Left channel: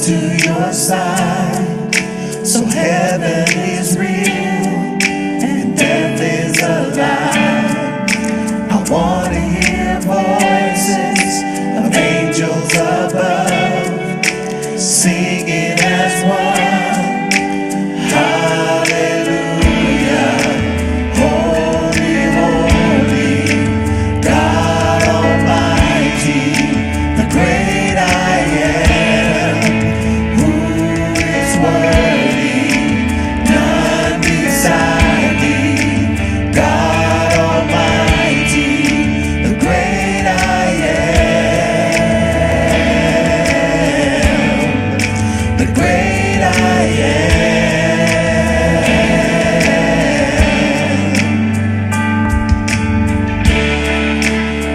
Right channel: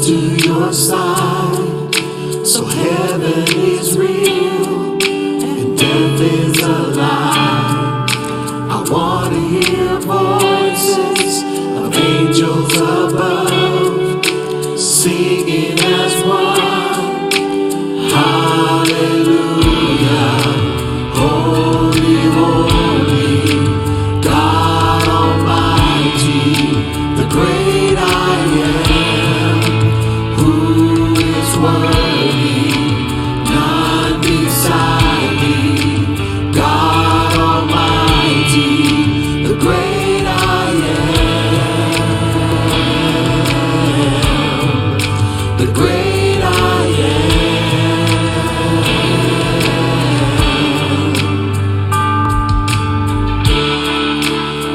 close to your side. So heaven is real and death is a lie. I want to hear voices of angels above singing as one. Hallelujah. Holy, holy, God Almighty, the great I am, who is worthy, none beside thee. God Almighty, the great I am, the great I am.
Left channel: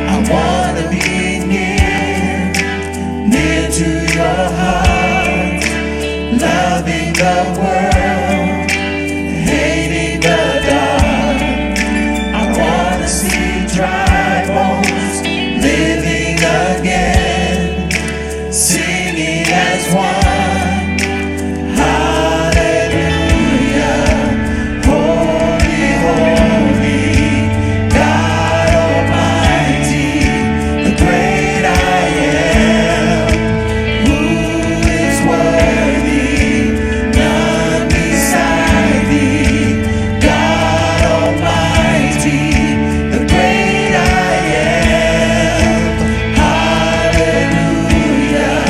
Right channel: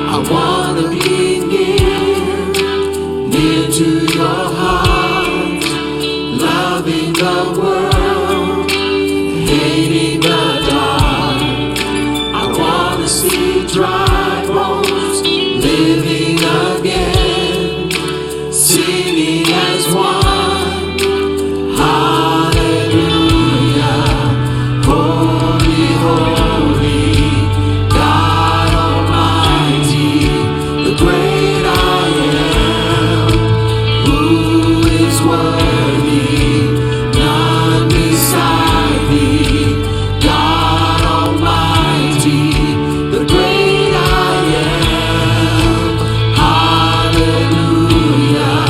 I want to be near to your heart, loving the world, hating the dark. I want to see dry bones living again, singing as one. Hallelujah. Holy, holy, God Almighty, the great I am, who is worthy, none beside thee. God Almighty, the great I am. Hallelujah.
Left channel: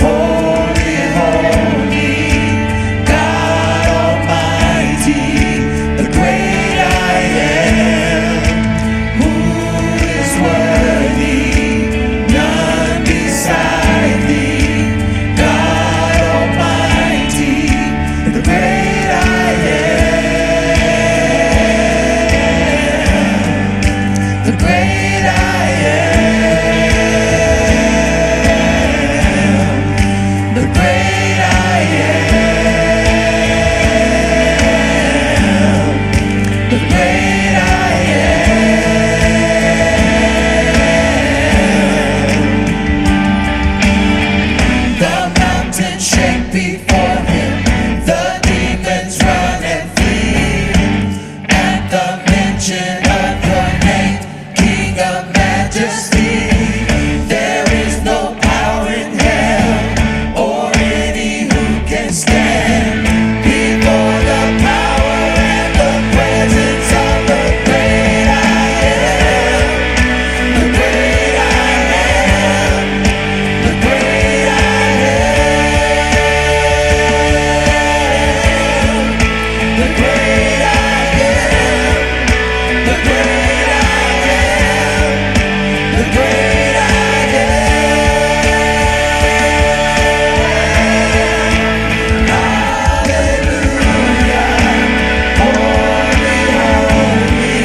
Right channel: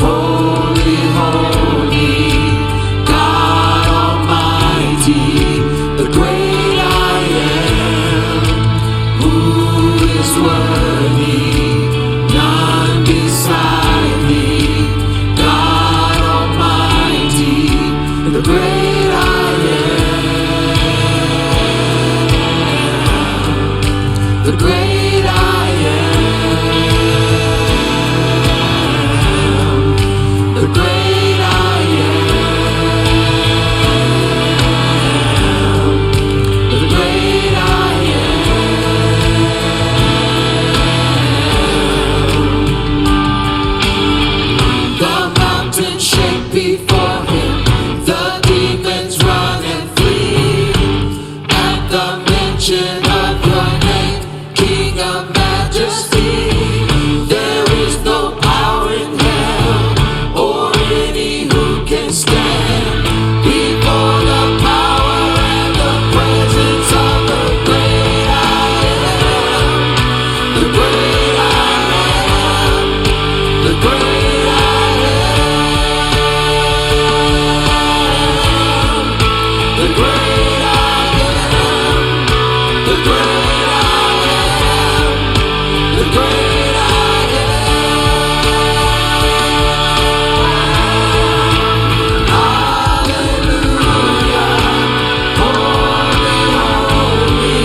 Holy, holy, God Almighty, the great I am, who is worthy, none beside thee. God Almighty, the great I am, the great I am, the great I am, the great I am. The mountains shake before him, the demons run and flee. At the mention of your name, King of Majesty, there is no power in hell or any who can stand before the power and the presence of the great I am, the great I am, the great I am, the great I am, the great I am, the great I am. Hallelujah. Holy, holy,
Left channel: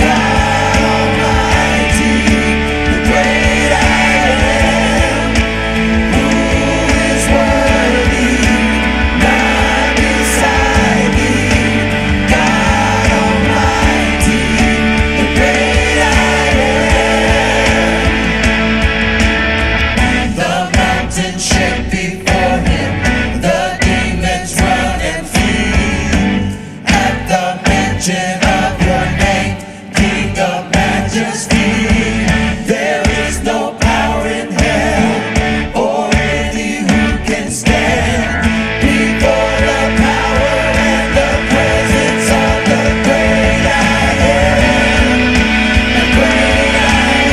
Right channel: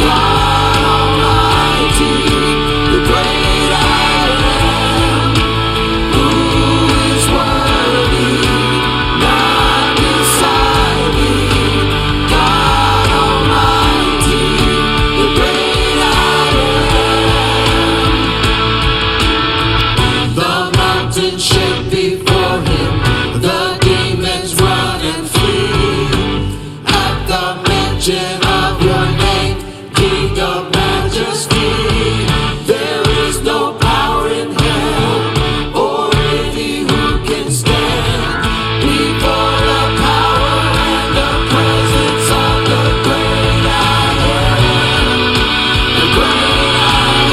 God Almighty, the great I am, who is worthy, none beside thee. God Almighty, the great I am. The mountains shake before him, the demons run and flee. At the mention of your name, King of Majesty, there is no power in hell or any who can stand before the power and the presence of the great I am, the great I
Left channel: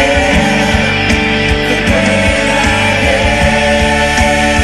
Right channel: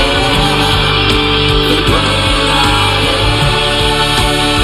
am, the great I am.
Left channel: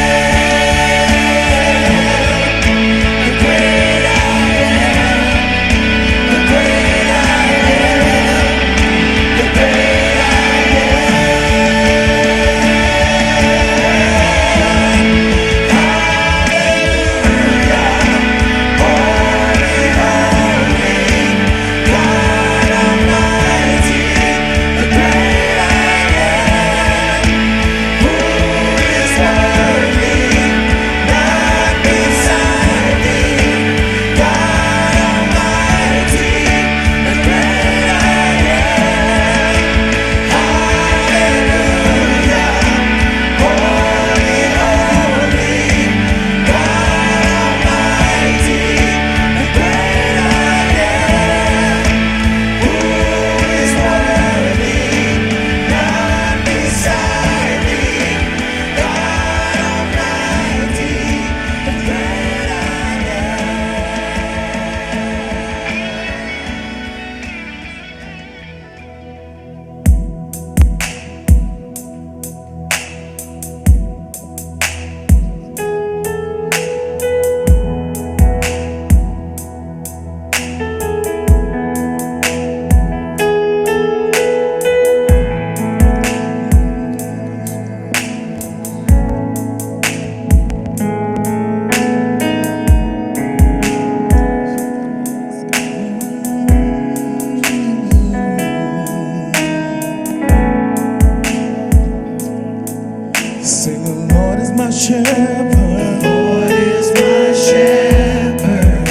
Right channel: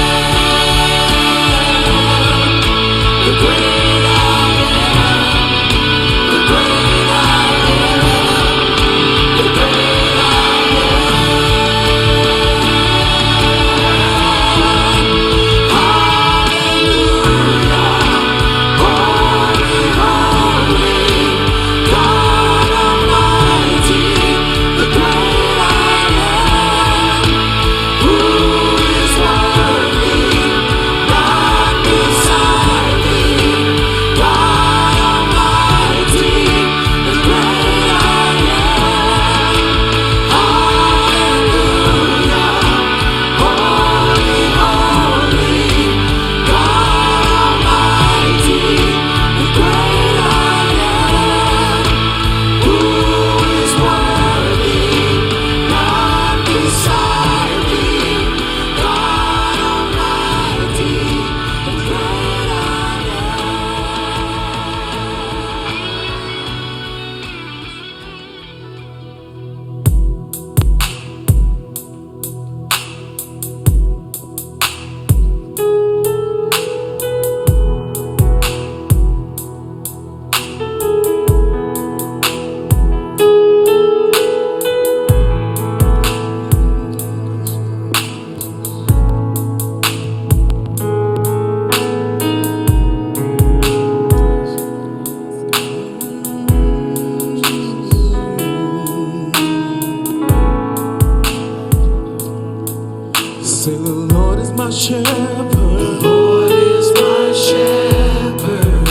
Lord is my shepherd. The Lord is my shepherd.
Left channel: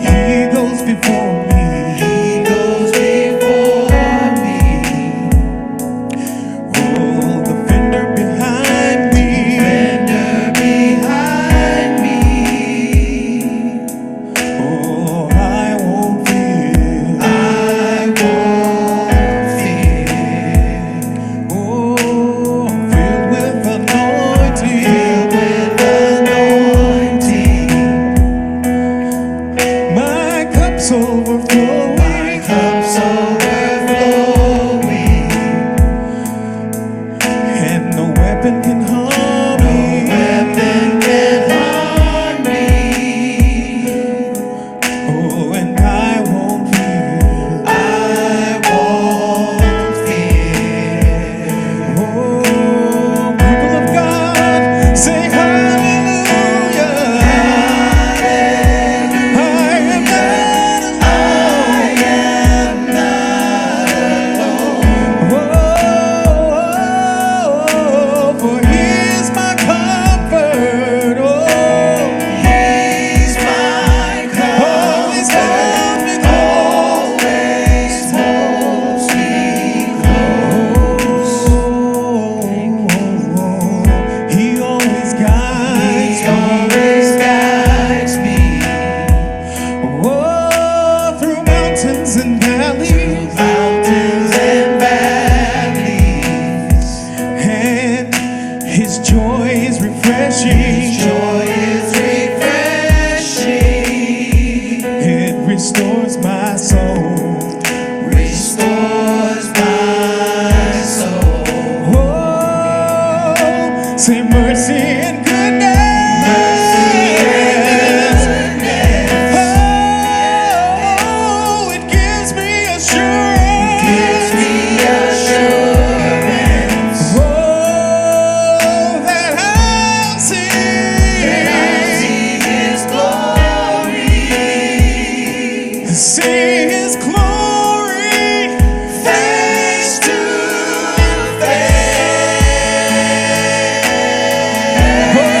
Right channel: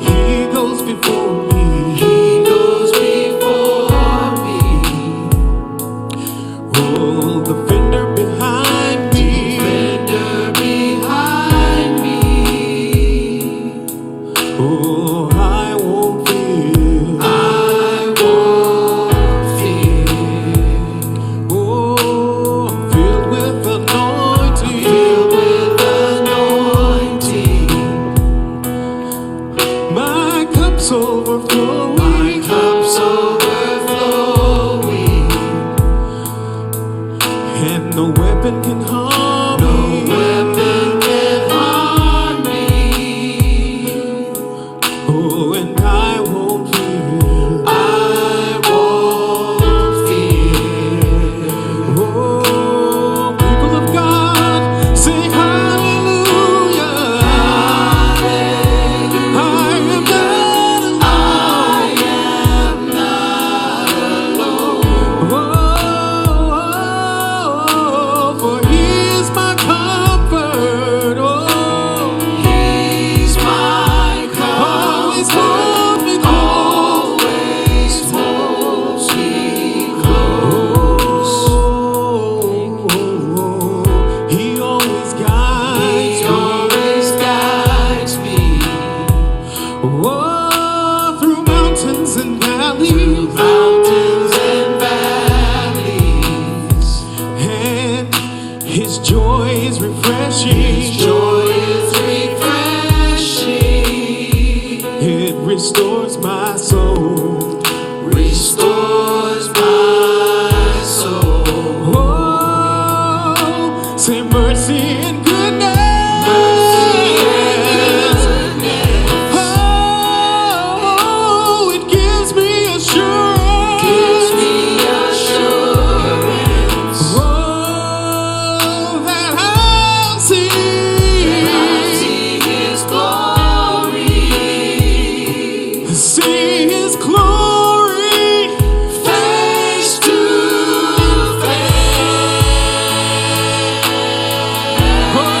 He goes before me. He goes before me. Oh, the fender behind me. Fender behind me. Oh, I won't fear. I won't fear. Oh, I'm filled with anointing. Filled with anointing. My cup's overflowing. My cup's overflowing. And no weapon can harm me. No weapon can harm me. Oh, and I won't fear. I won't fear. Oh, people of God, say hallelujah. Hallelujah. I am not alone. Oh, for He is my comfort. Oh, He's my comfort. Always hold me close. Always holds me close. He always guides. He always guides me. Oh, through mountains and valleys. Mountains and valleys. And His joy is refreshing. His joy is refreshing. It restores my soul. Restores my soul. Oh, say mercy and goodness. Mercy and goodness. Oh, it gives me assurance. Gives me assurance. Oh, that I'll see. That I'll see His glory. See His glory face to face. Oh,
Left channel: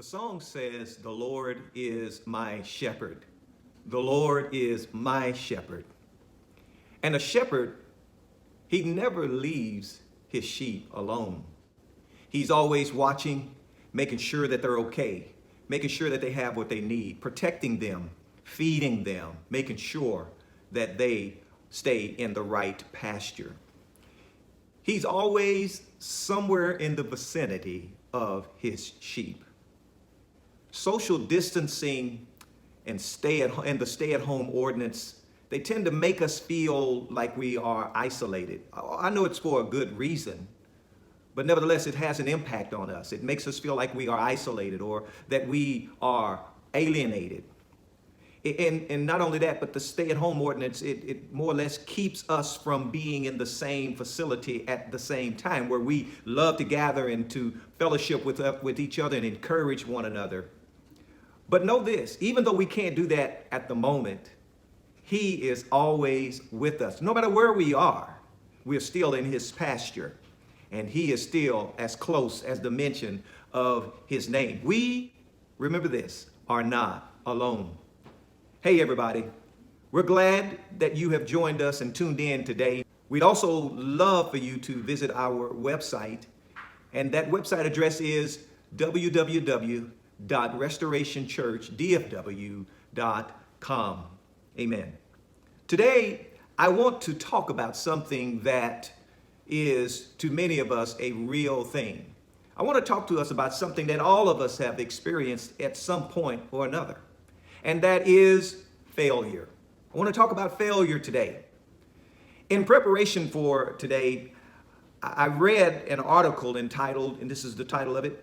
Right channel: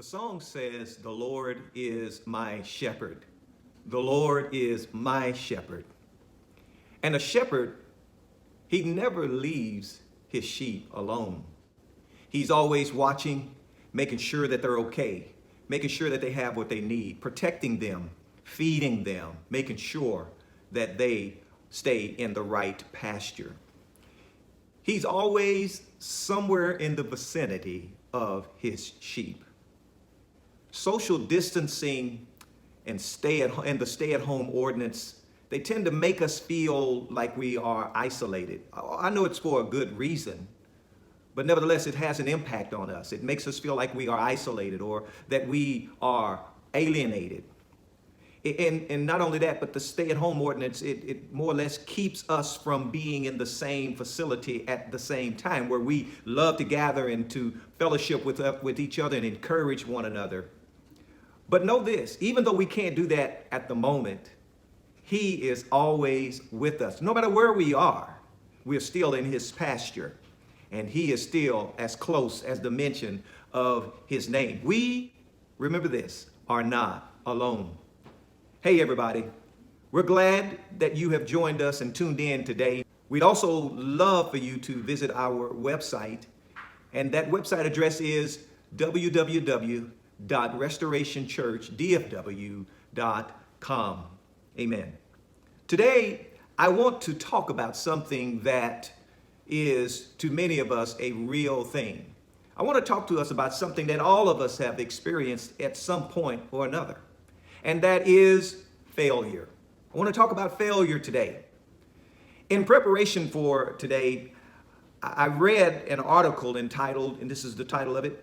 The song says, "The Lord is my shepherd. The Lord is my shepherd." And a shepherd, he never leaves his sheep alone. He's always watching, making sure that they're okay, making sure that they have what they need, protecting them, feeding them, making sure that they stay in the right pasture. He's always somewhere in the vicinity of his sheep. Social distancing and the stay-at-home ordinance, they tend to make us feel like we are isolated. I know it's for a good reason, but nevertheless, it has an impact on us. It makes us feel like we are isolated or that we are alienated. And not only that, but the stay-at-home ordinance, it more or less keeps us from being in the same facility at the same time, where we love to gather and to fellowship with each other and encourage one another. But know this, even though we can't do that at the moment, he is always with us. No matter where we are, we're still in his pasture, and he is still as close as the mention of his name. We, remember this, are not alone. Hey everybody, we're glad that you have joined us and tuned in today. We'd also love for you to visit our website, and that website address is www.restorationchurchdfw.com. Amen. Today, I want to talk about something that is, to many of us, a real thing. I want to talk to us about something that all of us have experienced at some point or another, and that is failure. I want to talk about failure today. In preparation for today, I read an article entitled, and this is the title of it,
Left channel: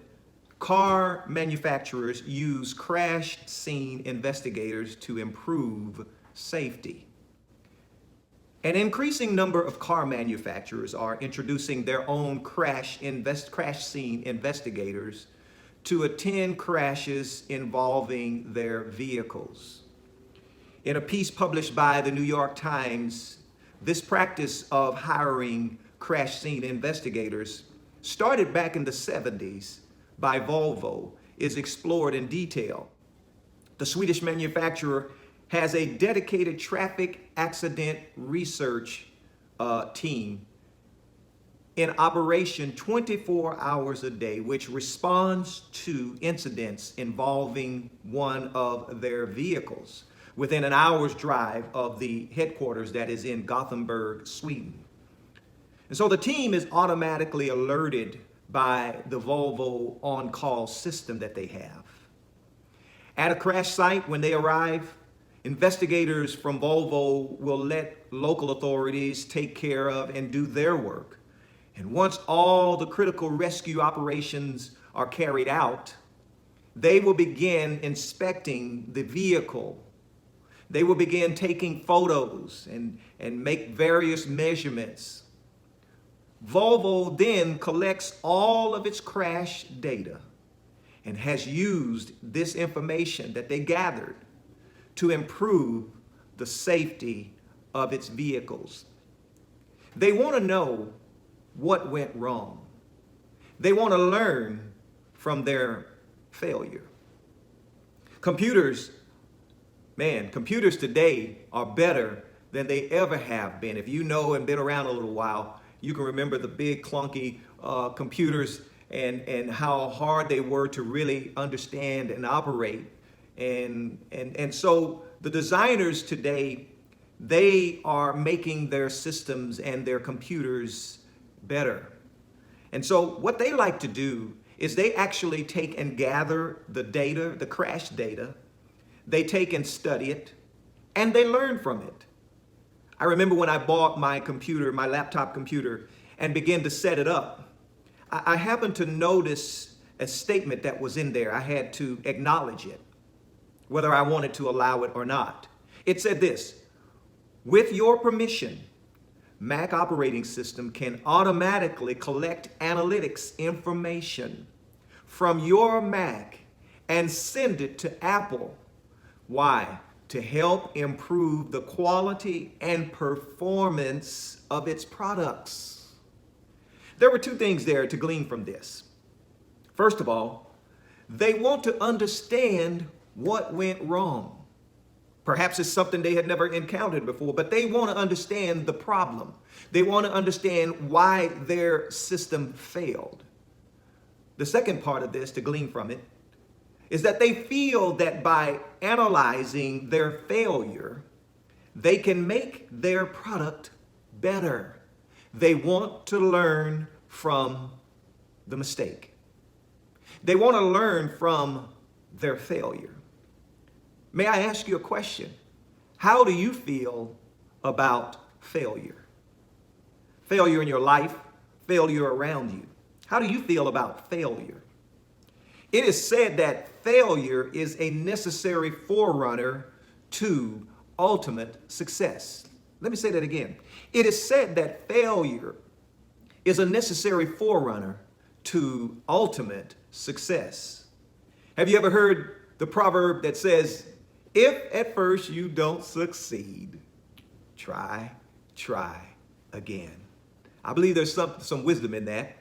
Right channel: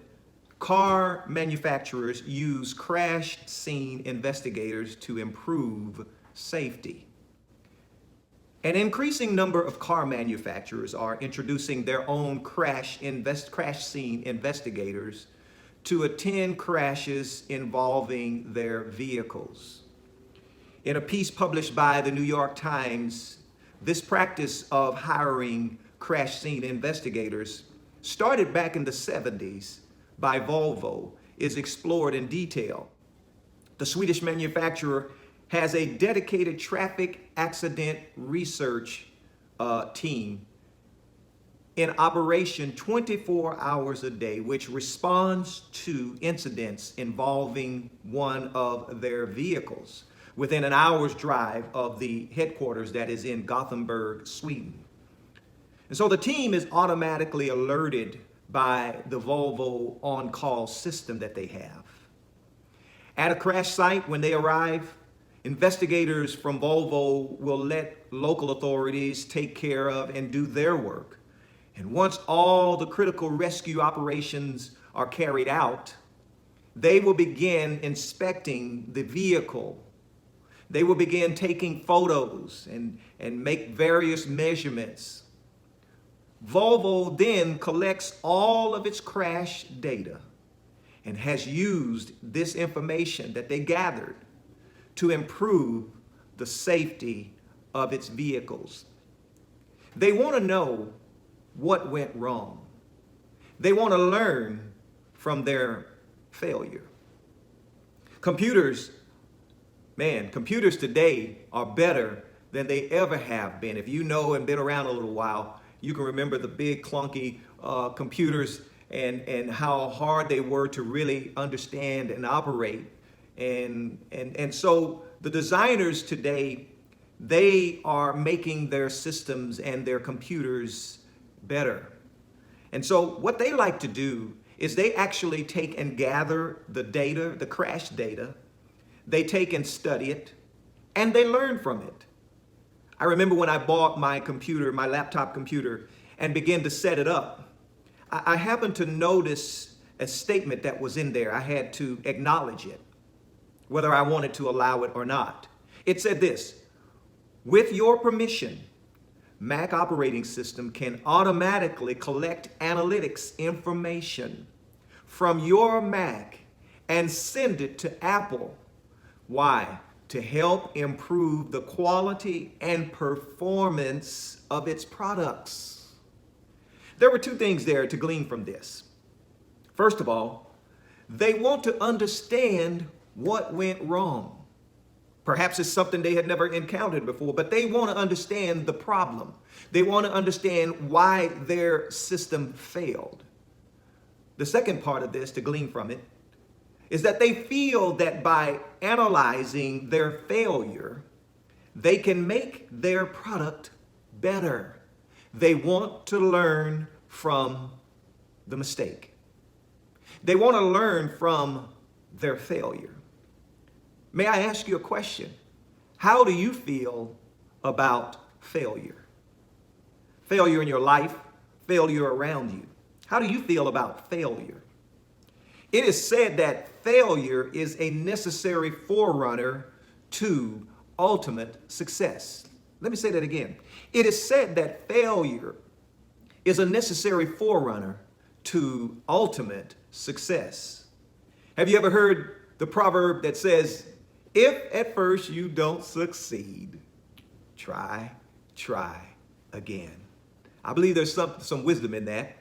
"Car Manufacturers Use Crash Scene Investigators to Improve Safety." An increasing number of car manufacturers are introducing their own crash scene investigators to attend crashes involving their vehicles. In a piece published by the New York Times, this practice of hiring crash scene investigators, started back in the 70s by Volvo, is explored in detail. The Swedish manufacturer has a dedicated traffic accident research team in operation 24 hours a day, which responds to incidents involving one of their vehicles within an hour's drive of the headquarters that is in Gothenburg, Sweden. And so the team is automatically alerted by the Volvo on-call system that they have. At a crash site, when they arrive, investigators from Volvo will let local authorities take care of and do their work. And once all the critical rescue operations are carried out, they will begin inspecting the vehicle. They will begin taking photos and make various measurements. Volvo then collects all of its crash data and has used this information that they gathered to improve the safety of its vehicles. They want to know what went wrong. They want to learn from their failure. Computers today are better than they ever have been. If you know and been around a little while, you can remember the big clunky computers and how hard they were to really understand and operate. And so the designers today, they are making their systems and their computers better. And so what they like to do is they actually take and gather the data, the crash data. They take and study it, and they learn from it. I remember when I bought my computer, my laptop computer, and began to set it up, I happened to notice a statement that was in there. I had to acknowledge it, whether I wanted to allow it or not. It said this: "With your permission, Mac operating system can automatically collect analytics information from your Mac and send it to Apple." Why? To help improve the quality and performance of its products. There were two things there to glean from this. First of all, They want to understand what went wrong. Perhaps it's something they had never encountered before, but they want to understand the problem. They want to understand why their system failed. The second part of this, to glean from it, is that they feel that by analyzing their failure, they can make their product better. They want to learn from the mistake. They want to learn from their failure. May I ask you a question? How do you feel about failure? Failure in your life, failure around you. How do you feel about failure? It is said that failure is a necessary forerunner to ultimate success. Let me say that again. It is said that failure is a necessary forerunner to ultimate success. Have you ever heard the proverb that says, if at first you don't succeed, try again? I believe there's some wisdom in that.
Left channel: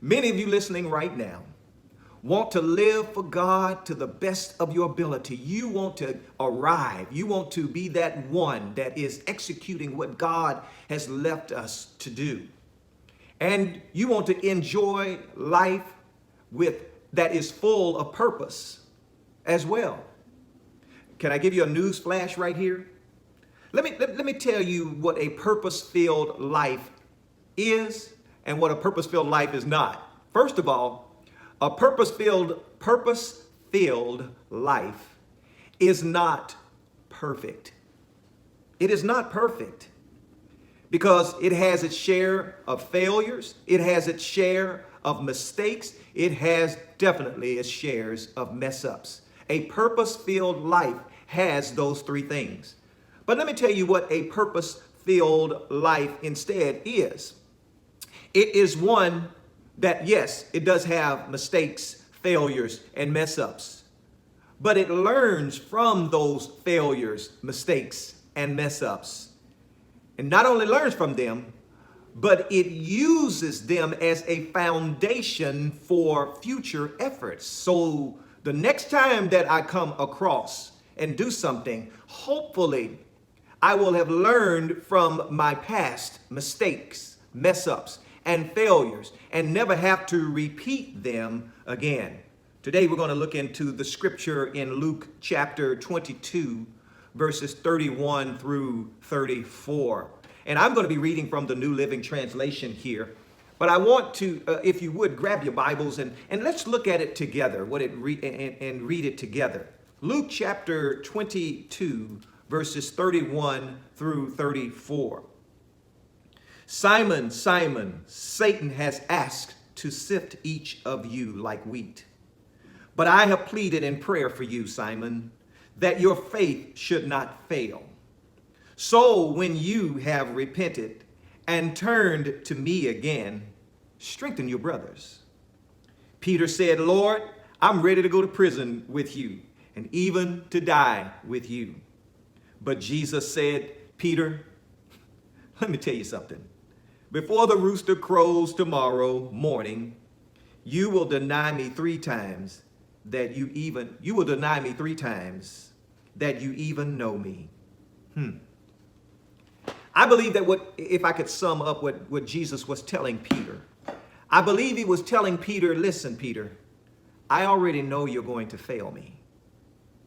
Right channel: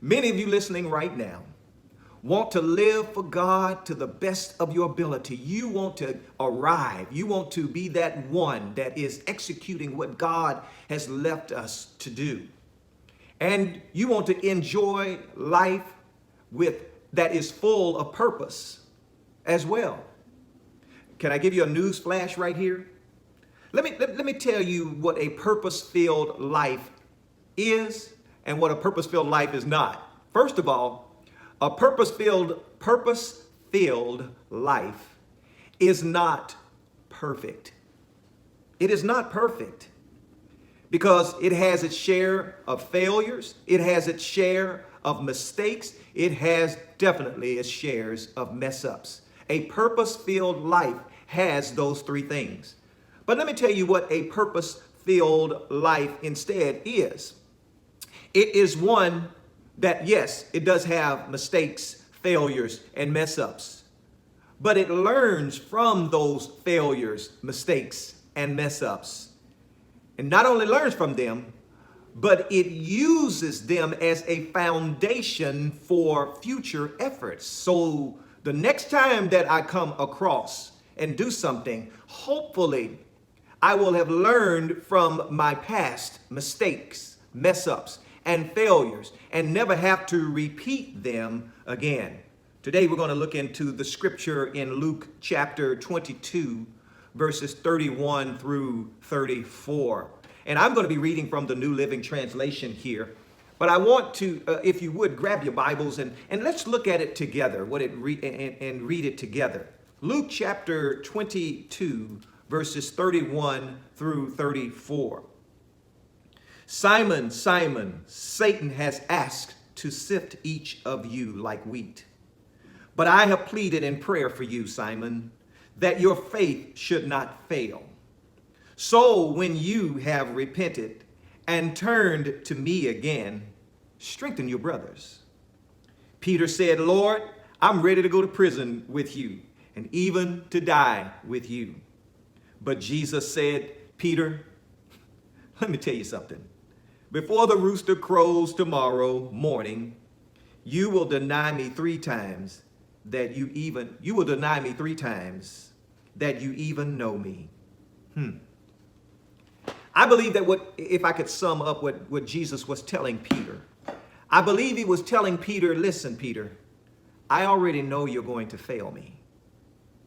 Many of you listening right now want to live for God to the best of your ability. You want to arrive. You want to be that one that is executing what God has left us to do. And you want to enjoy life that is full of purpose as well. Can I give you a news flash right here? Let me tell you what a purpose-filled life is and what a purpose-filled life is not. First of all, a purpose-filled life is not perfect. It is not perfect because it has its share of failures. It has its share of mistakes. It has definitely its shares of mess-ups. A purpose-filled life has those three things. But let me tell you what a purpose-filled life instead is. It is one that, yes, it does have mistakes, failures, and mess-ups. But it learns from those failures, mistakes, and mess-ups. And not only learns from them, but it uses them as a foundation for future efforts. So the next time that I come across and do something, hopefully I will have learned from my past mistakes, mess-ups, and failures, and never have to repeat them again. Today we're going to look into the scripture in Luke chapter 22, verses 31 through 34. And I'm going to be reading from the New Living Translation here. But I want to, if you would, grab your Bibles and let's look at it together, and read it together. Luke chapter 22, verses 31 through 34. Simon, Simon, Satan has asked to sift each of you like wheat. But I have pleaded in prayer for you, Simon, that your faith should not fail. So when you have repented and turned to me again, strengthen your brothers. Peter said, Lord, I'm ready to go to prison with you and even to die with you. But Jesus said, Peter, let me tell you something. Before the rooster crows tomorrow morning, you will deny me three times that you even know me. I believe that if I could sum up what Jesus was telling Peter, I believe he was telling Peter, listen, Peter, I already know you're going to fail me.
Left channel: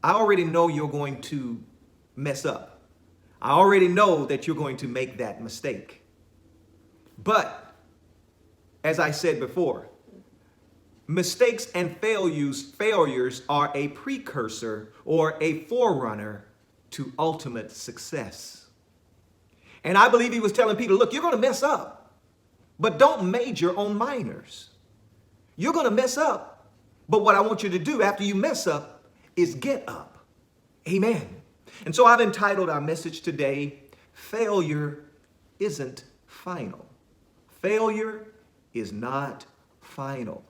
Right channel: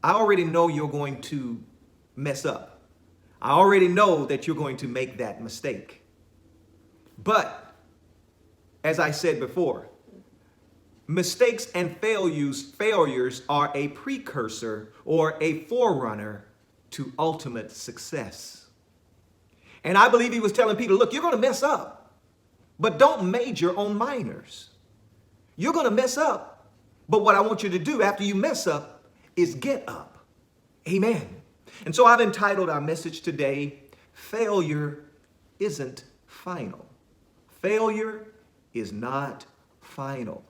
I already know you're going to mess up. I already know that you're going to make that mistake. But, as I said before, mistakes and failures are a precursor or a forerunner to ultimate success. And I believe he was telling Peter, look, you're going to mess up, but don't major on minors. You're going to mess up, but what I want you to do after you mess up is get up. Amen. And so I've entitled our message today, Failure Isn't Final. Failure is not final.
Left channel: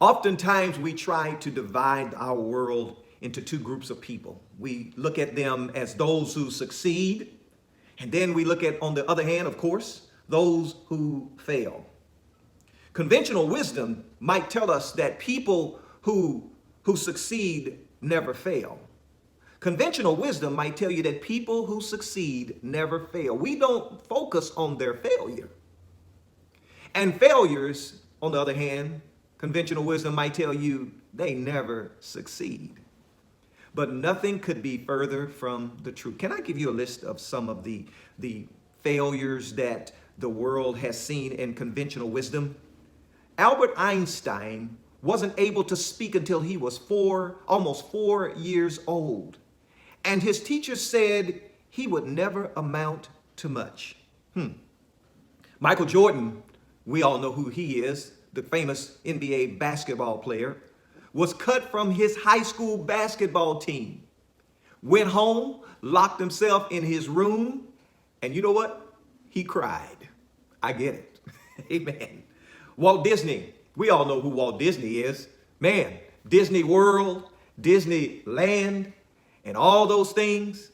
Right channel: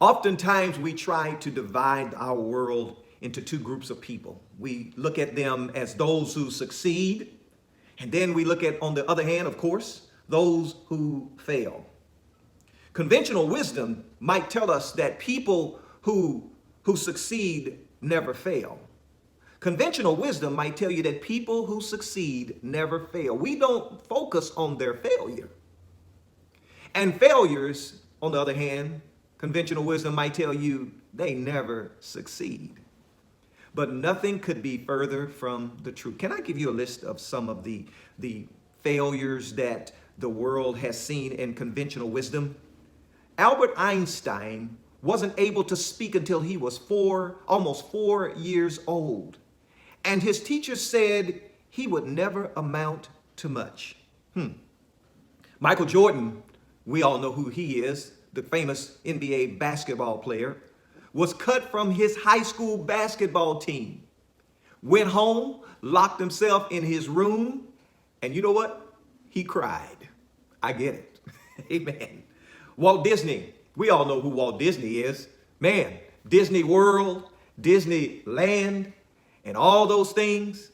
Oftentimes we try to divide our world into two groups of people. We look at them as those who succeed, and then we look at, on the other hand, of course, those who fail. Conventional wisdom might tell us that people who succeed never fail. Conventional wisdom might tell you that people who succeed never fail. We don't focus on their failure. And failures, on the other hand, conventional wisdom might tell you they never succeed. But nothing could be further from the truth. Can I give you a list of some of the failures that the world has seen in conventional wisdom? Albert Einstein wasn't able to speak until he was almost 4 years old. And his teacher said he would never amount to much. Michael Jordan, we all know who he is, the famous NBA basketball player, was cut from his high school basketball team, went home, locked himself in his room, and you know what? He cried. I get it. Amen. Walt Disney, we all know who Walt Disney is. Man, Disney World, Disneyland, and all those things.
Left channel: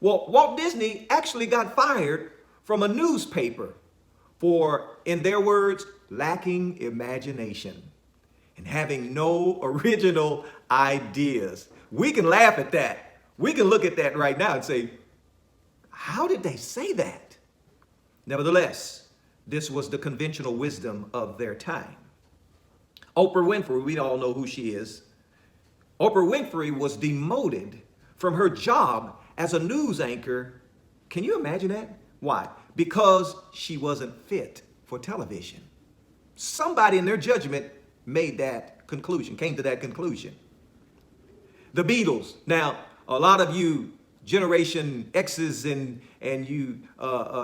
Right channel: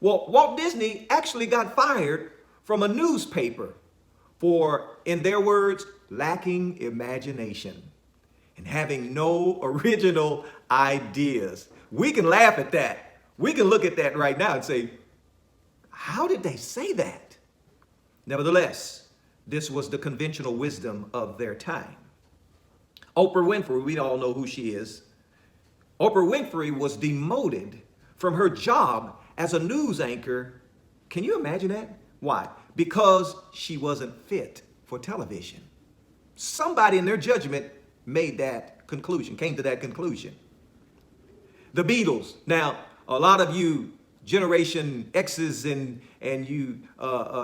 Well, Walt Disney actually got fired from a newspaper for, in their words, lacking imagination and having no original ideas. We can laugh at that. We can look at that right now and say, how did they say that? Nevertheless, this was the conventional wisdom of their time. Oprah Winfrey, we all know who she is. Oprah Winfrey was demoted from her job as a news anchor. Can you imagine that? Why? Because she wasn't fit for television. Somebody in their judgment made that conclusion, came to that conclusion. The Beatles. Now, a lot of you Generation X's and you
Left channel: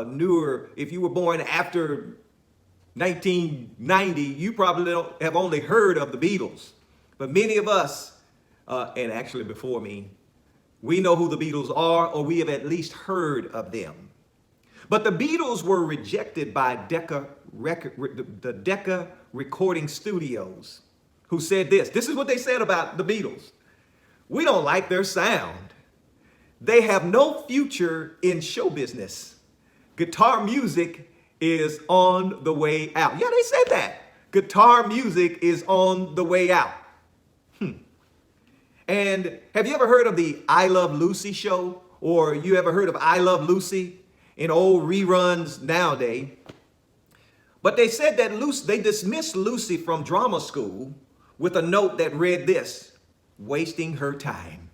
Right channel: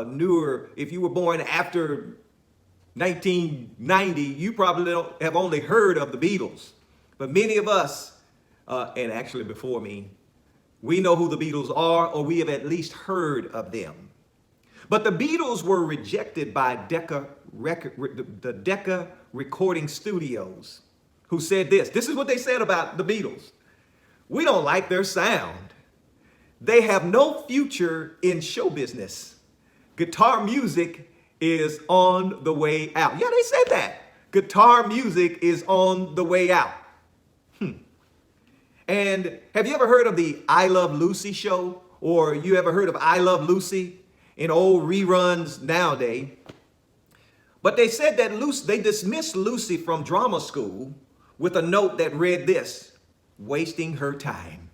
newer, if you were born after 1990, you probably have only heard of the Beatles. But many of us, and actually before me, we know who the Beatles are, or we have at least heard of them. But the Beatles were rejected by the Decca Recording Studios, who said this. This is what they said about the Beatles. We don't like their sound. They have no future in show business. Guitar music is on the way out. Yeah, they said that. Guitar music is on the way out. And have you ever heard of the I Love Lucy show? Or you ever heard of I Love Lucy in old reruns nowadays? But they said that they dismissed Lucy from drama school with a note that read this: wasting her time.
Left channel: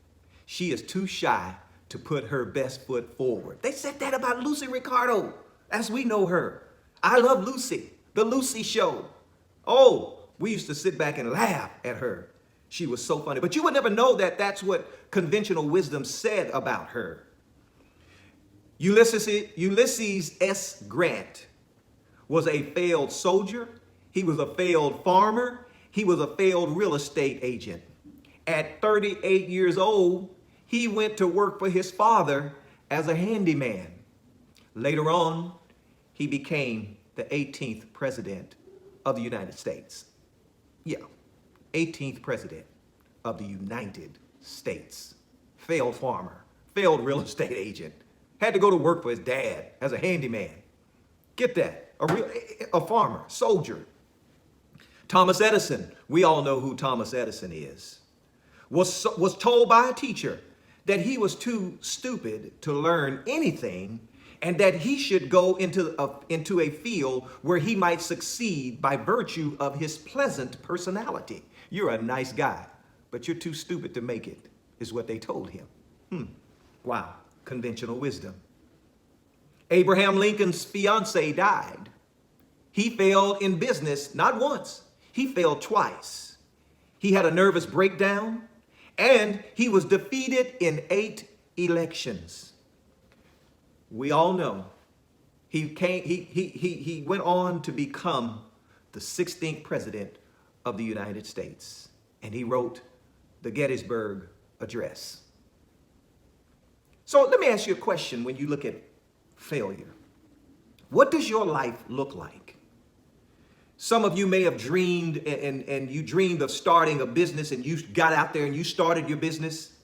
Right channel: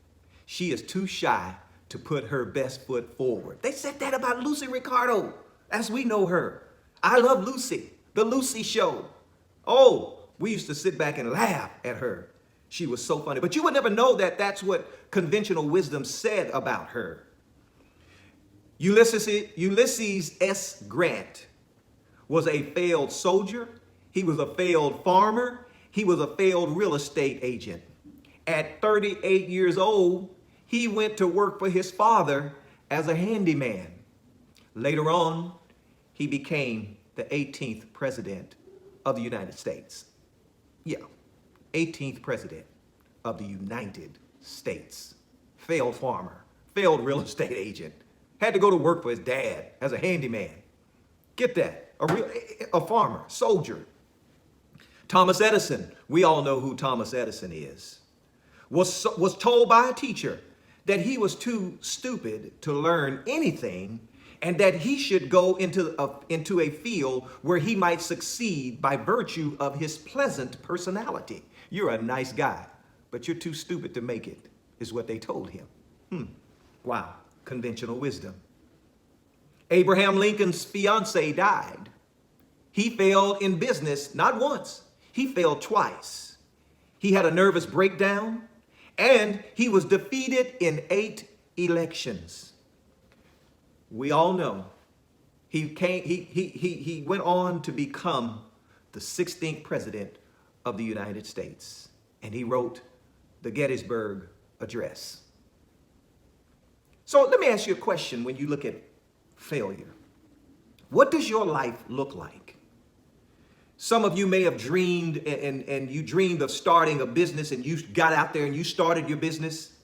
She is too shy to put her best foot forward. They said that about Lucy Ricardo, as we know her. I Love Lucy, the Lucy show. Oh, we used to sit back and laugh at her. She was so funny. But you would never know that that's what conventional wisdom said about her. Ulysses S. Grant was a failed soldier. He was a failed farmer. He was a failed real estate agent. At 38 years old, he went to work for his father as a handyman. Later on, he became the 18th president of the United States. Yeah, 18th president of the United States. Failed farmer, failed real estate agent. Had to go to work for his dad as a handyman. Get that, a farmer, soldier. Thomas Edison, we all know who Thomas Edison is, was told by a teacher that he was too stupid to learn anything and that he should go into a field where he might succeed by virtue of his pleasant personality. You're a nice guy, but you're too stupid to make it, is what they told him. Wow, conventional wisdom. Abraham Lincoln's fiance died. He failed in business not once, he failed twice. He had a nervous breakdown and he was defeated in 8 elections. We all know he went on to become the 16th president of the United States, and he wrote the Gettysburg Address. So let me ask you a question when you look at failure. What does your life look like? Some of you may have dreamed and you dreamed of starting a business, and you got out there and you started your business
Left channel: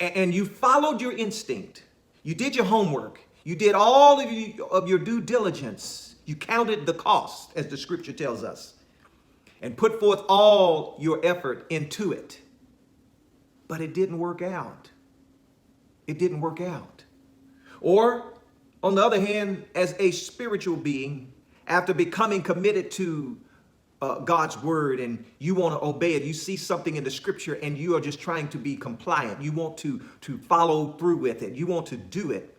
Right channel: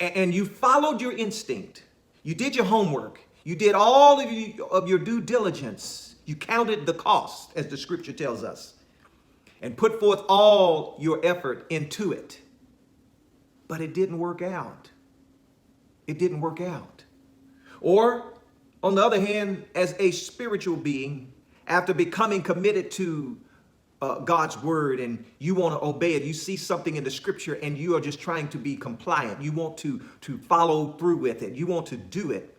and you followed your instinct. You did your homework. You did all of your due diligence. You counted the cost, as the scripture tells us, and put forth all your effort into it. But it didn't work out. It didn't work out. Or, on the other hand, as a spiritual being, after becoming committed to God's word and you want to obey it, you see something in the scripture and you are just trying to be compliant. You want to follow through with it. You want to do it.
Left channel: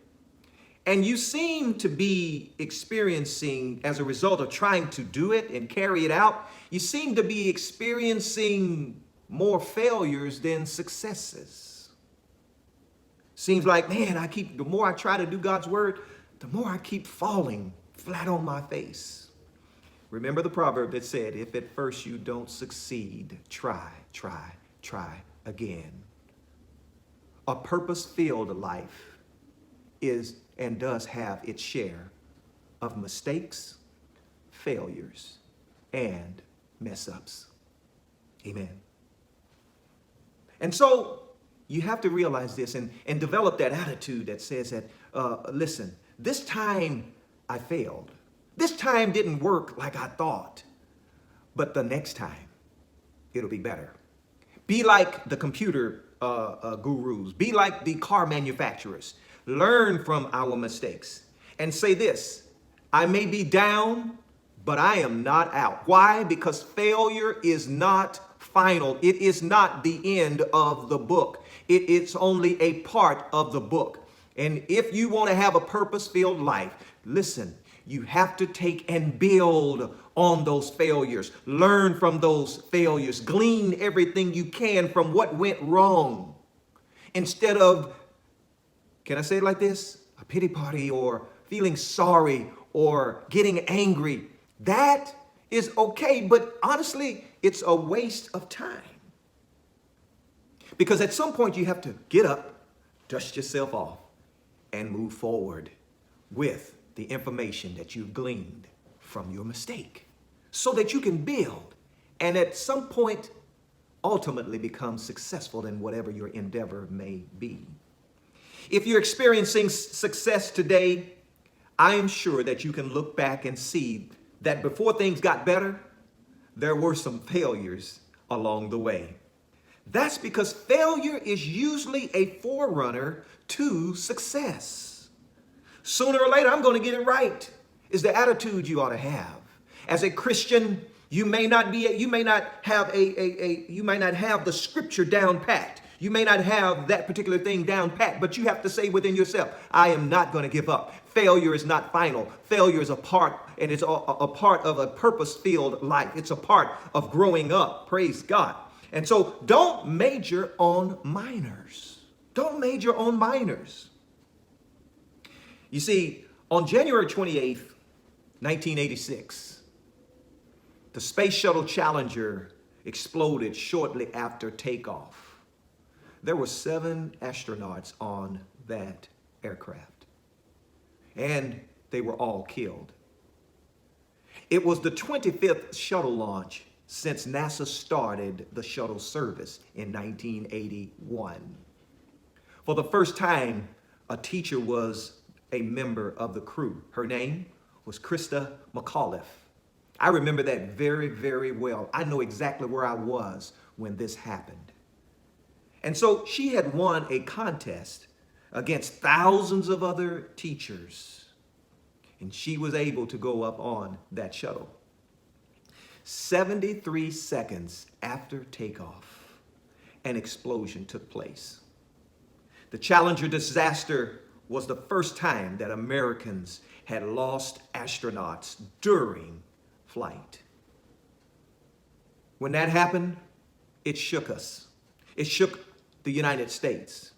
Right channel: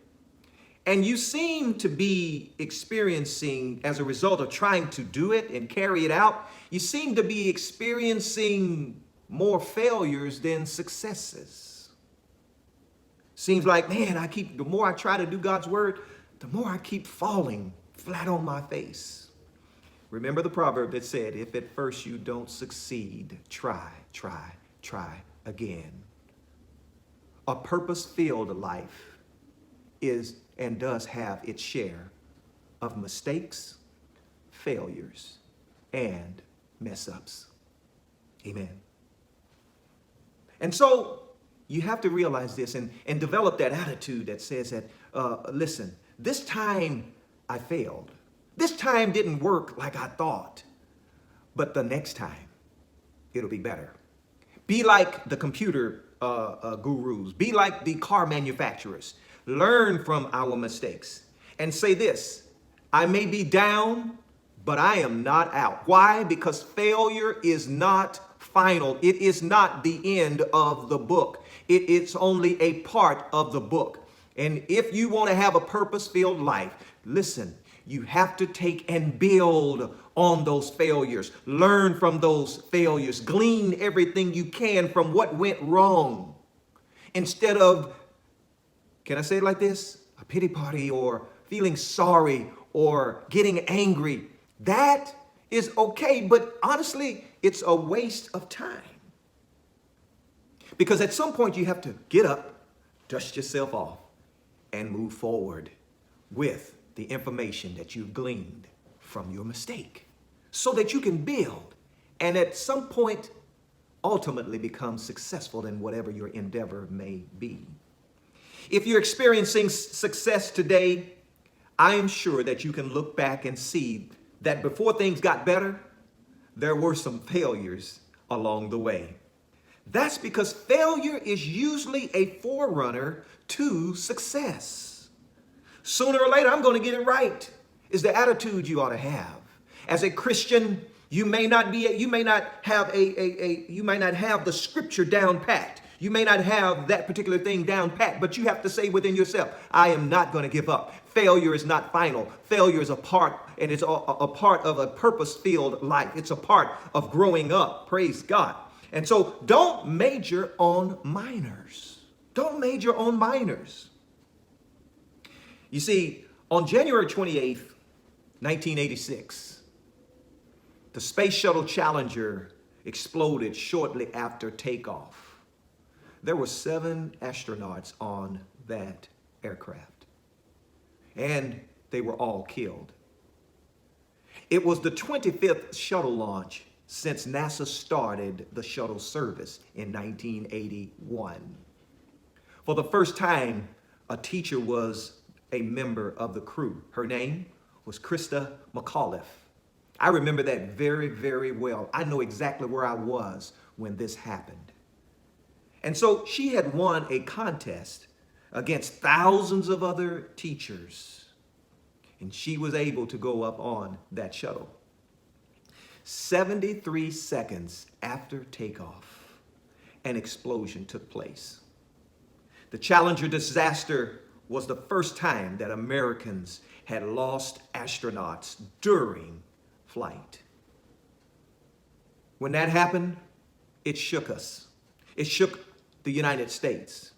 And you seem to be experiencing, as a result of trying to do it and carry it out, you seem to be experiencing more failures than successes. Seems like, man, the more I try to do God's word, the more I keep falling flat on my face. Remember the proverb that said, if at first you don't succeed, try again. A purpose-filled life is and does have its share of mistakes, failures, and mess-ups. Amen. And so you have to realize this and develop that attitude that says that, listen, this time I failed. This time didn't work like I thought, but the next time it'll be better. Be like the computer gurus. Be like the car manufacturers. Learn from our mistakes and say this: I may be down, but I am not out. Why? Because failure is not final. It is not the end of the book. It's only a part of the book. And if you want to have a purpose-filled life, listen, you have to take and build on those failures. Learn from those failures. Glean everything you can from what went wrong. Instead of, can I say it like this? A pity party or feeling sorry or getting angry. That is okay, but honestly, it's a waste of time. Because at some point you have to get up, dust yourself off, and move forward with the information that you've gleaned from your mistake so that you can build and at some point ultimately become successful in whatever your endeavor may be. If you're experiencing success today, I am sure that you can look back and see that before things got better, there were some failures along the way. That's because failure is usually a forerunner to success. Sooner or later, I'm going to get it right, is the attitude you ought to have. As a Christian, you may not have the scripture down pat. You may not have that particular thing down pat, but you have to say within yourself, I am not going to give up. Failure is not final. Failure is a part, and it's a part of a purpose-filled life. It's a part of growing up. Praise God. And so don't major on minors. Don't major on minors. You see, on January 28th, 1986, the Space Shuttle Challenger exploded shortly after takeoff. There were 7 astronauts on that aircraft, and they were all killed. It was the 25th shuttle launch since NASA started the shuttle service in 1981. For the first time, a teacher was a member of the crew. Her name was Krista McAuliffe. I remember that very, very well. I know exactly where I was when this happened. And so she had won a contest against thousands of other teachers, and she was able to go up on that shuttle. 73 seconds after takeoff, an explosion took place. The Challenger disaster was the first time that Americans had lost astronauts during flight. When that happened, it shook us. It shook the United States.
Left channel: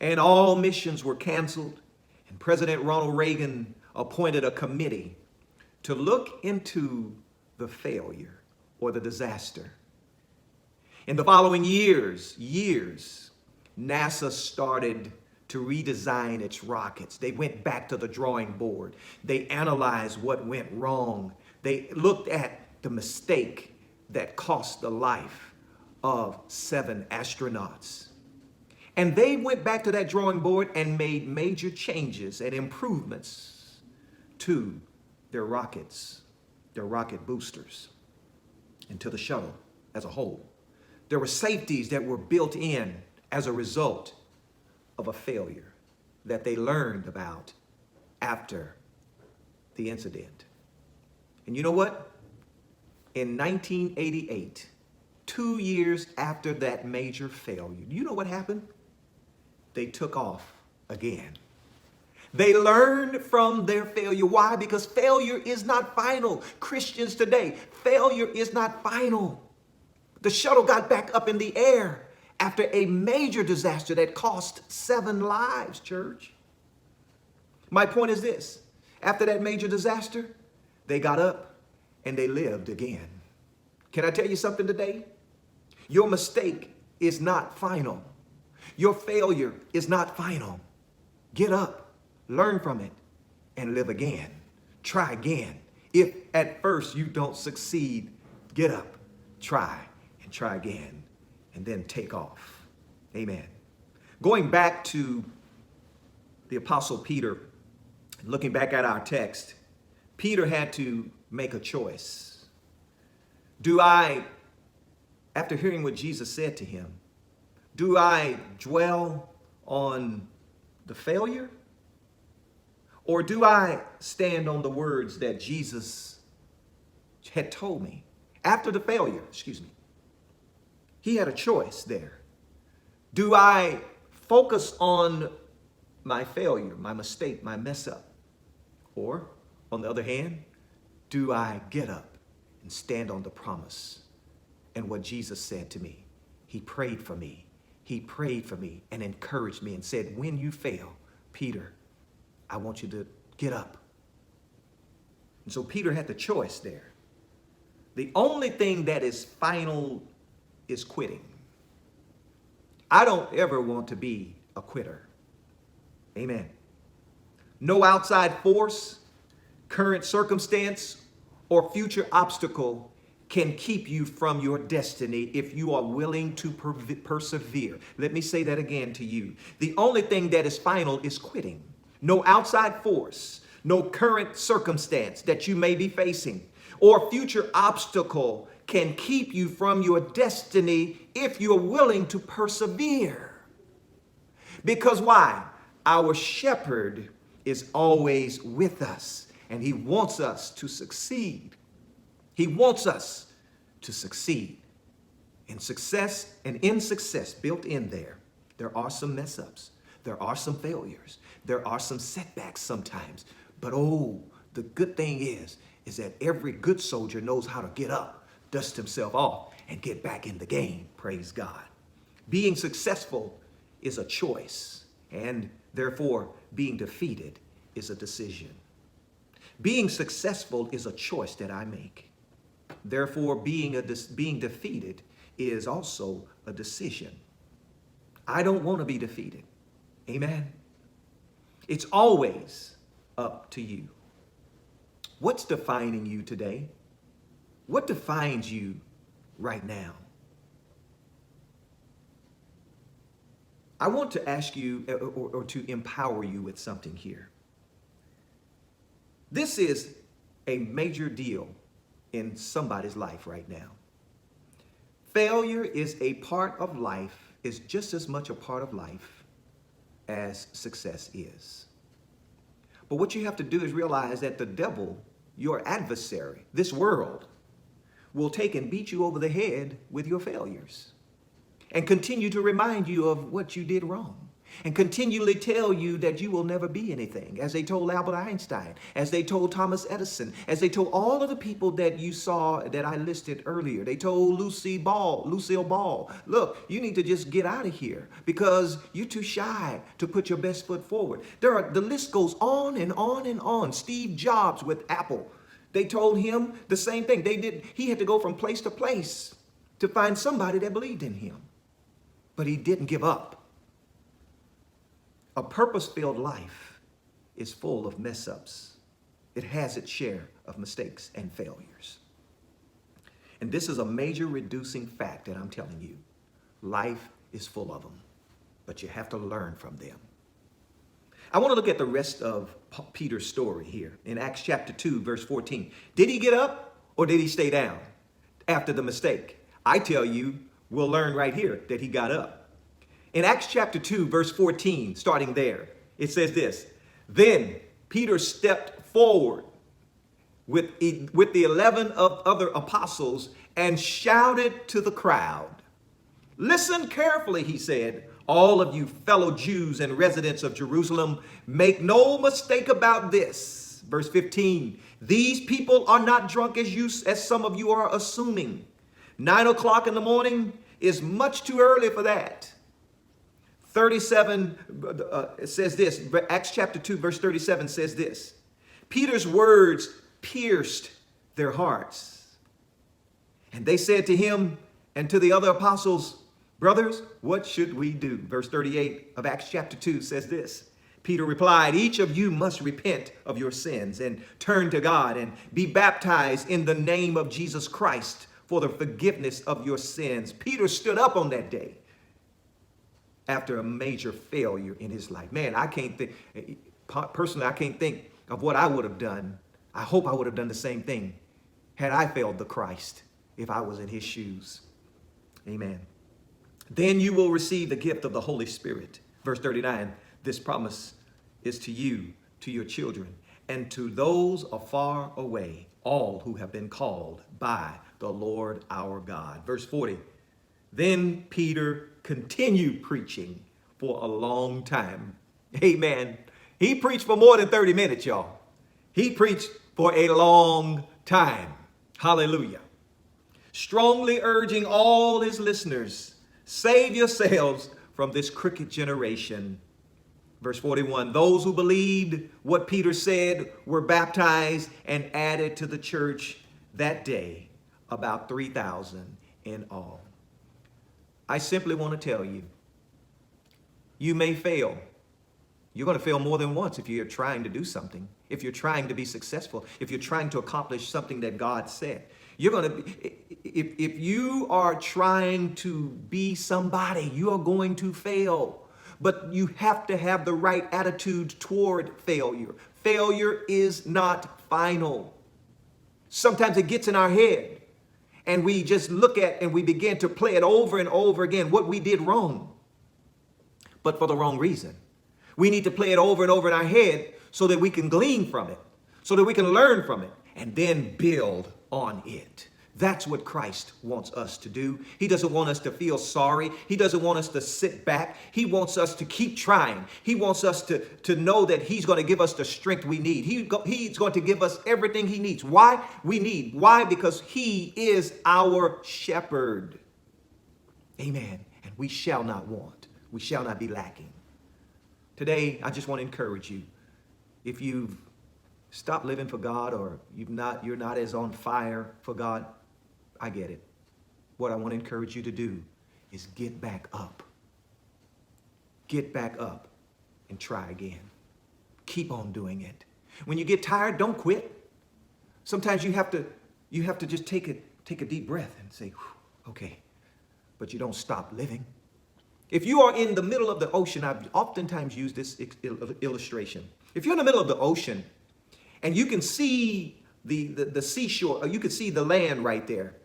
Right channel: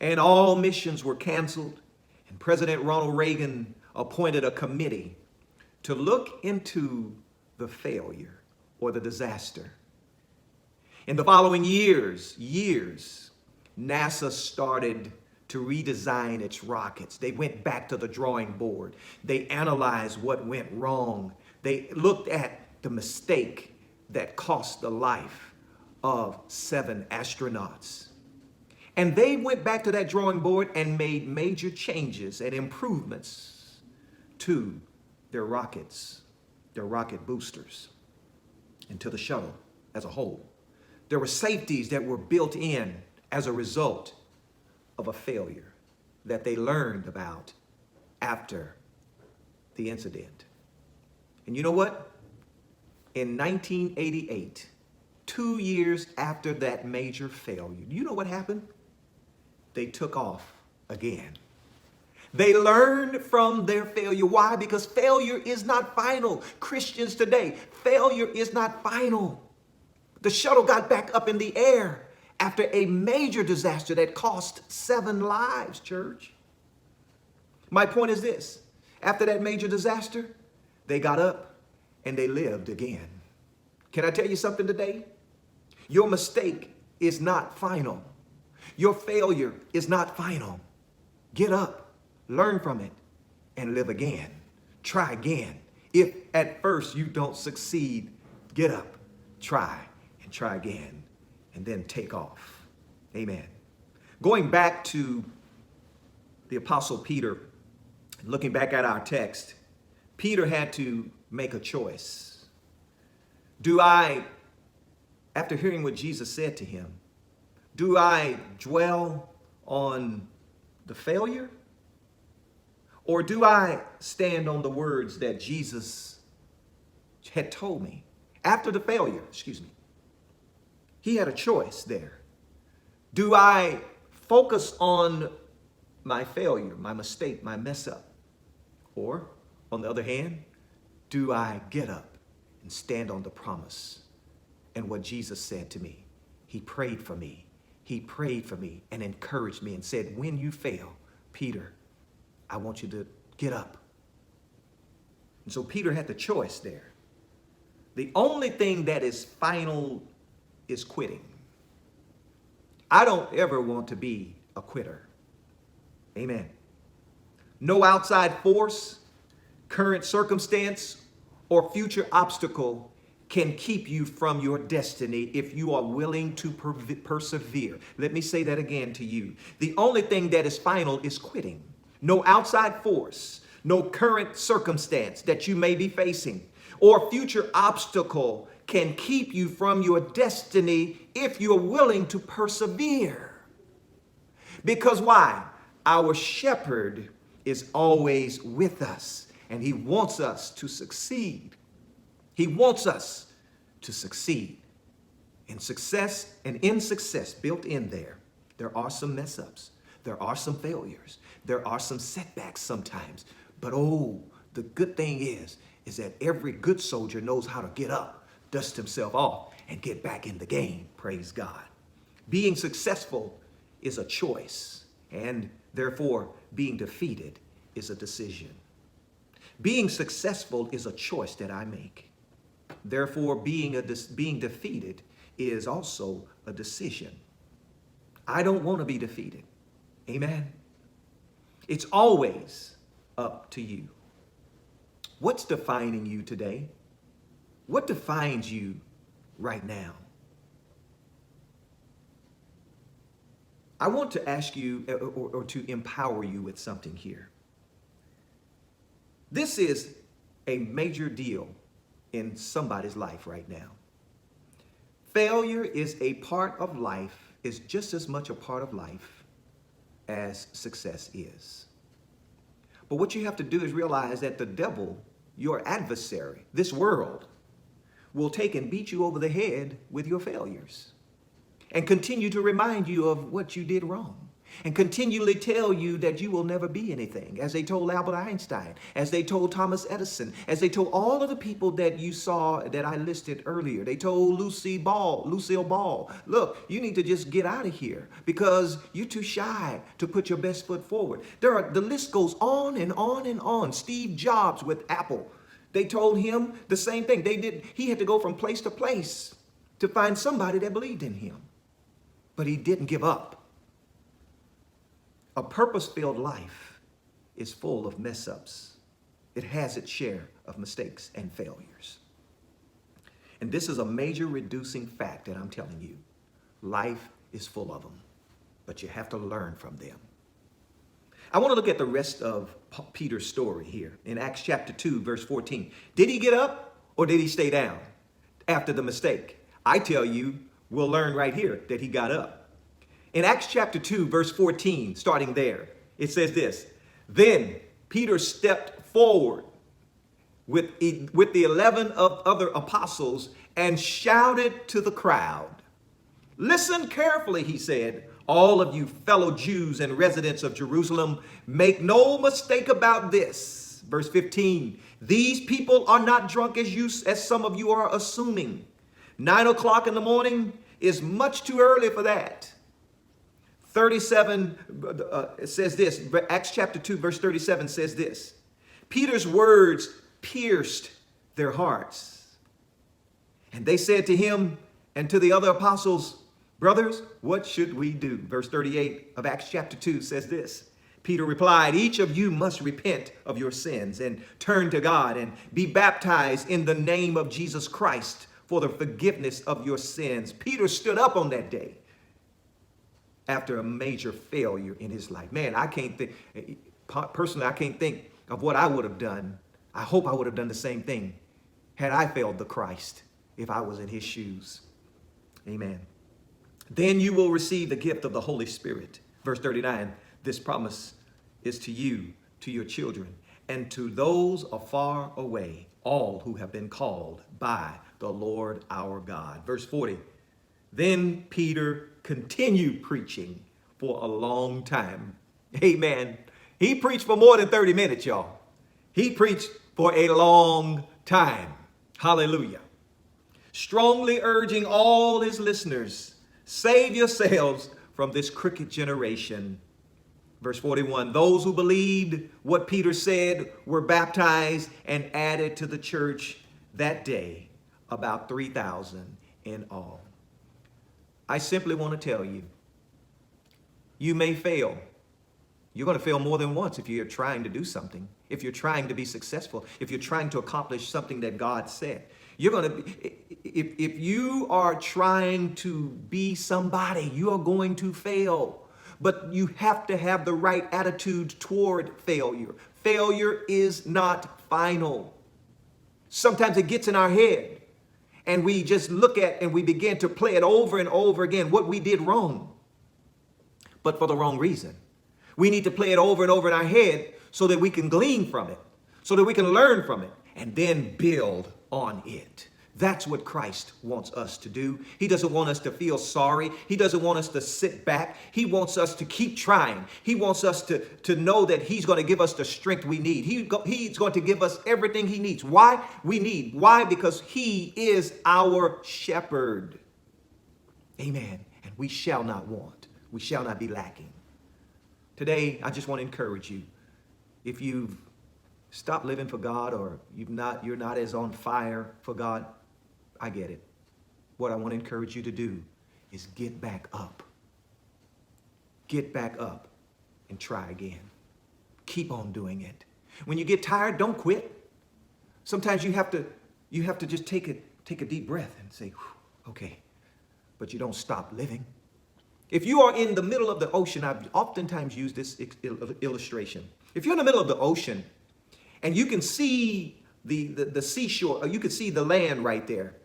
And all missions were canceled, and President Ronald Reagan appointed a committee to look into the failure or the disaster. In the following years, NASA started to redesign its rockets. They went back to the drawing board. They analyzed what went wrong. They looked at the mistake that cost the life of 7 astronauts. And they went back to that drawing board and made major changes and improvements to They're rockets. They're rocket boosters into the shuttle as a whole. There were safeties that were built in as a result of a failure that they learned about after the incident. And you know what? In 1988, 2 years after that major failure, you know what happened? They took off again. They learned from their failure. Why? Because failure is not final. Christians today, failure is not final. The shuttle got back up in the air after a major disaster that cost 7 lives, church. My point is this. After that major disaster, they got up and they lived again. Can I tell you something today? Your mistake is not final. Your failure is not final. Get up, learn from it, and live again. Try again. If at first you don't succeed, get up, try, and try again, and then take off. Amen. Going back to the Apostle Peter, looking back at our text, Peter had to make a choice. After hearing what Jesus said to him, do I dwell on the failure? Or do I stand on the words that Jesus had told me? After the failure, he had a choice there. Do I focus on my failure, my mistake, my mess up? Or, on the other hand, do I get up and stand on the promise and what Jesus said to me? He prayed for me. He prayed for me and encouraged me and said, when you fail, Peter, I want you to get up. And so Peter had the choice there. The only thing that is final is quitting. I don't ever want to be a quitter. Amen. No outside force, current circumstance, or future obstacle can keep you from your destiny if you are willing to persevere. Let me say that again to you. The only thing that is final is quitting. No outside force, no current circumstance that you may be facing, or future obstacle can keep you from your destiny if you're willing to persevere. Because why? Our shepherd is always with us, and he wants us to succeed. He wants us to succeed. In success, built in there are some mess ups. There are some failures. There are some setbacks sometimes. But the good thing is that every good soldier knows how to get up, dust himself off, and get back in the game. Praise God. Being successful is a choice, and therefore being defeated is a decision. Being successful is a choice that I make. Therefore, being defeated is also a decision. I don't want to be defeated. Amen. It's always up to you. What's defining you today? What defines you right now? I want to ask you or to empower you with something here. This is a major deal in somebody's life right now. Failure is a part of life, is just as much a part of life as success is. But what you have to do is realize that the devil, your adversary, this world, will take and beat you over the head with your failures and continue to remind you of what you did wrong and continually tell you that you will never be anything, as they told Albert Einstein, as they told Thomas Edison, as they told all of the people that you saw that I listed earlier. They told Lucille Ball, look, you need to just get out of here because you're too shy to put your best foot forward. The list goes on and on and on. Steve Jobs with Apple, they told him the same thing. He had to go from place to place to find somebody that believed in him, but he didn't give up. A purpose-filled life is full of mess-ups. It has its share of mistakes and failures. And this is a major reducing fact that I'm telling you. Life is full of them, but you have to learn from them. I want to look at the rest of Peter's story here in Acts chapter 2, verse 14. Did he get up or did he stay down after the mistake? I tell you, we'll learn right here that he got up. In Acts chapter 2, verse 14, starting there, it says this: Then Peter stepped forward with the 11 other apostles and shouted to the crowd. Listen carefully, he said, all of you fellow Jews and residents of Jerusalem, make no mistake about this. Verse 15, these people are not drunk as some of you are assuming. 9 o'clock in the morning is much too early for that. 37 says this, Acts chapter 2, verse 37 says this: Peter's words pierced their hearts. And they said to him and to the other apostles, brothers, what should we do? Verse 38 of Acts chapter 2 says this: Peter replied, each of you must repent of your sins and turn to God and be baptized in the name of Jesus Christ for the forgiveness of your sins. Peter stood up on that day after a major failure in his life. Man, I can't think, personally, I can't think of what I would have done. I hope I would have done the same thing had I failed the Christ if I was in his shoes. Amen. Then you will receive the gift of the Holy Spirit. Verse 39, this promise is to you, to your children, and to those afar away, all who have been called by the Lord our God. Verse 40, then Peter continued preaching for a long time. Amen. He preached for more than 30 minutes, y'all. He preached for a long time. Hallelujah. Strongly urging all his listeners, save yourselves from this crooked generation. Verse 41, those who believed what Peter said were baptized and added to the church that day, about 3,000 in all. I simply want to tell you, you may fail. You're going to fail more than once if you're trying to do something, if you're trying to be successful, if you're trying to accomplish something that God said. You're going to, if you are trying to be somebody, you are going to fail. But you have to have the right attitude toward failure. Failure is not final. Sometimes it gets in our head and we just look at and we begin to play it over and over again, what we did wrong, but for the wrong reason. We need to play it over and over in our head so that we can glean from it, so that we can learn from it, and then build on it. That's what Christ wants us to do. He doesn't want us to feel sorry. He doesn't want us to sit back. He wants us to keep trying. He wants us to know that he's going to give us the strength we need. He's going to give us everything he needs. Why? Why? Because he is our shepherd. Amen. And we shall not want. We shall not be lacking. Today, I just want to encourage you. If you've stopped living for God or you're not as on fire for God, I get it. What I want to encourage you to do is get back up. Get back up and try again. Keep on doing it. When you get tired, don't quit. Sometimes you have to just take a deep breath and say, okay, but you don't stop living. If you are in the middle of the ocean, I've oftentimes used this illustration. If you're in the middle of the ocean and you can see the seashore, or you can see the land right there,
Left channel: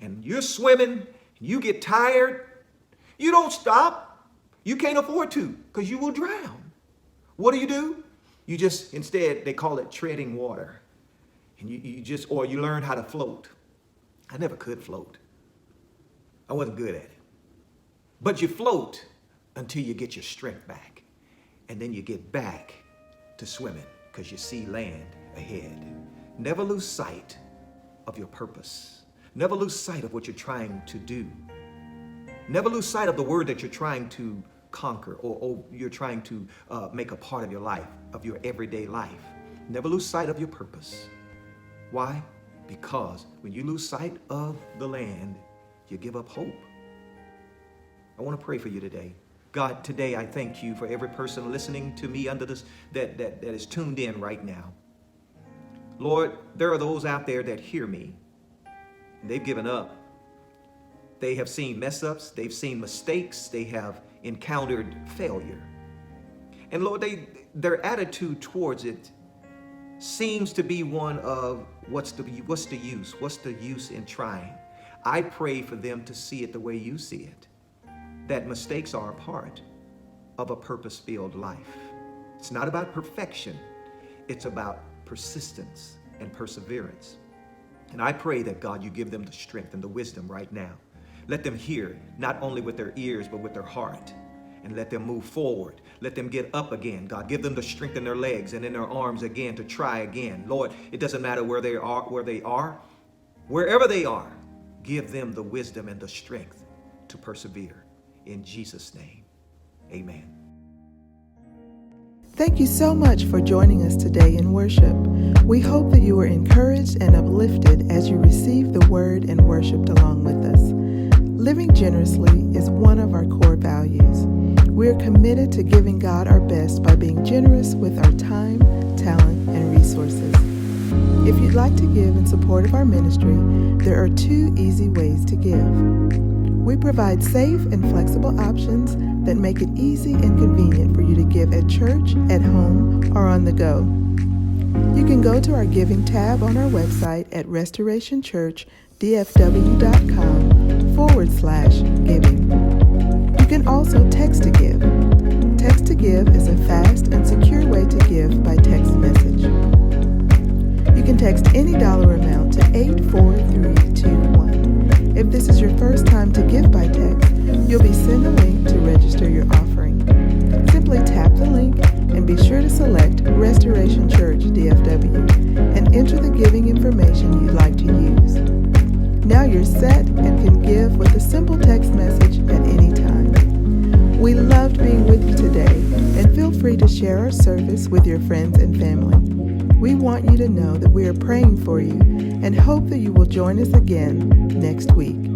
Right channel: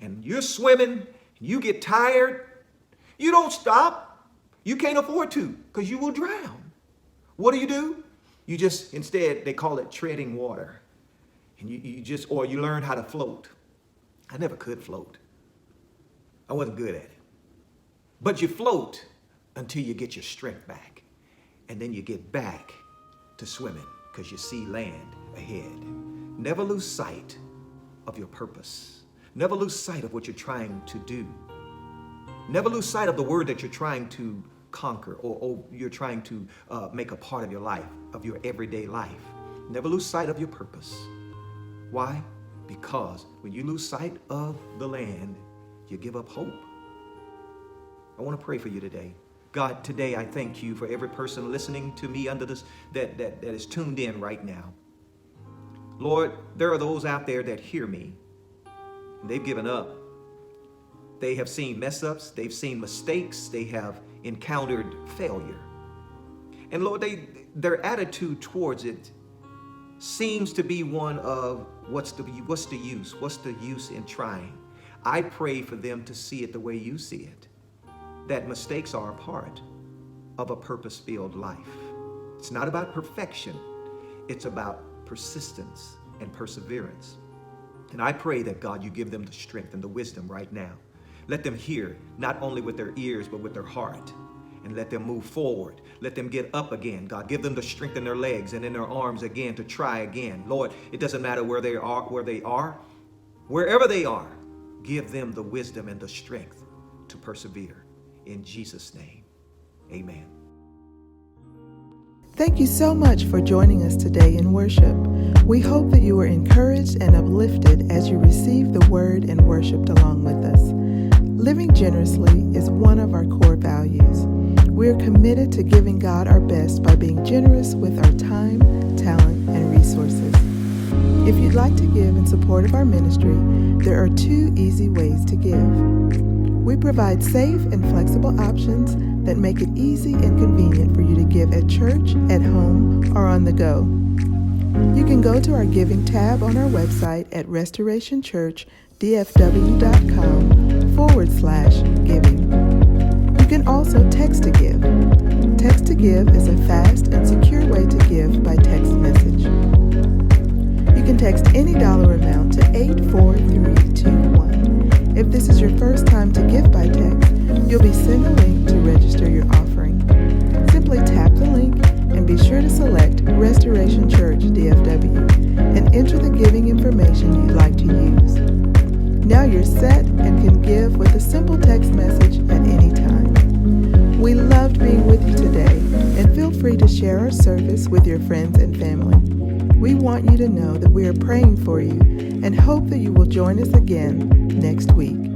and you're swimming, you get tired, you don't stop. You can't afford to because you will drown. What do? You just, instead, they call it treading water. And or you learn how to float. I never could float. I wasn't good at it. But you float until you get your strength back. And then you get back to swimming because you see land ahead. Never lose sight of your purpose. Never lose sight of what you're trying to do. Never lose sight of the word that you're trying to conquer or you're trying to make a part of your life, of your everyday life. Never lose sight of your purpose. Why? Because when you lose sight of the land, you give up hope. I want to pray for you today. God, today I thank you for every person listening to me under this that is tuned in right now. Lord, there are those out there that hear me. And they've given up. They have seen mess ups. They've seen mistakes. They have encountered failure. And Lord, their attitude towards it seems to be one of what's the use? What's the use in trying? I pray for them to see it the way you see it, that mistakes are a part of a purpose-filled life. It's not about perfection. It's about persistence and perseverance. And I pray that, God, you give them the strength and the wisdom right now. Let them hear, not only with their ears, but with their heart. And let them move forward. Let them get up again. God, give them the strength in their legs and in their arms again to try again. Lord, it doesn't matter wherever they are, give them the wisdom and the strength to persevere. In Jesus' name, amen. Thank you so much for joining us today in worship. We hope that you were encouraged and uplifted as you received the word and worshiped along with us. Living generously is one of our core values. We are committed to giving God our best by being generous with our time, talent, and resources. If you'd like to give in support of our ministry, there are 2 easy ways to give. We provide safe and flexible options that make it easy and convenient for you to give at church, at home, or on the go. You can go to our giving tab on our website at Restoration Church DFW.com/giving. You can also text to give. Text to give is a fast and secure way to give by text message. You can text any dollar amount to 84321. If this is your first time to give by text, you'll be sent a link to register your offering. Simply tap the link and be sure to select Restoration Church DFW and enter the giving information you'd like to use. Now you're set and can give with a simple text message at any time. We loved being with you today, and feel free to share our service with your friends and family. We want you to know that we are praying for you and hope that you will join us again next week.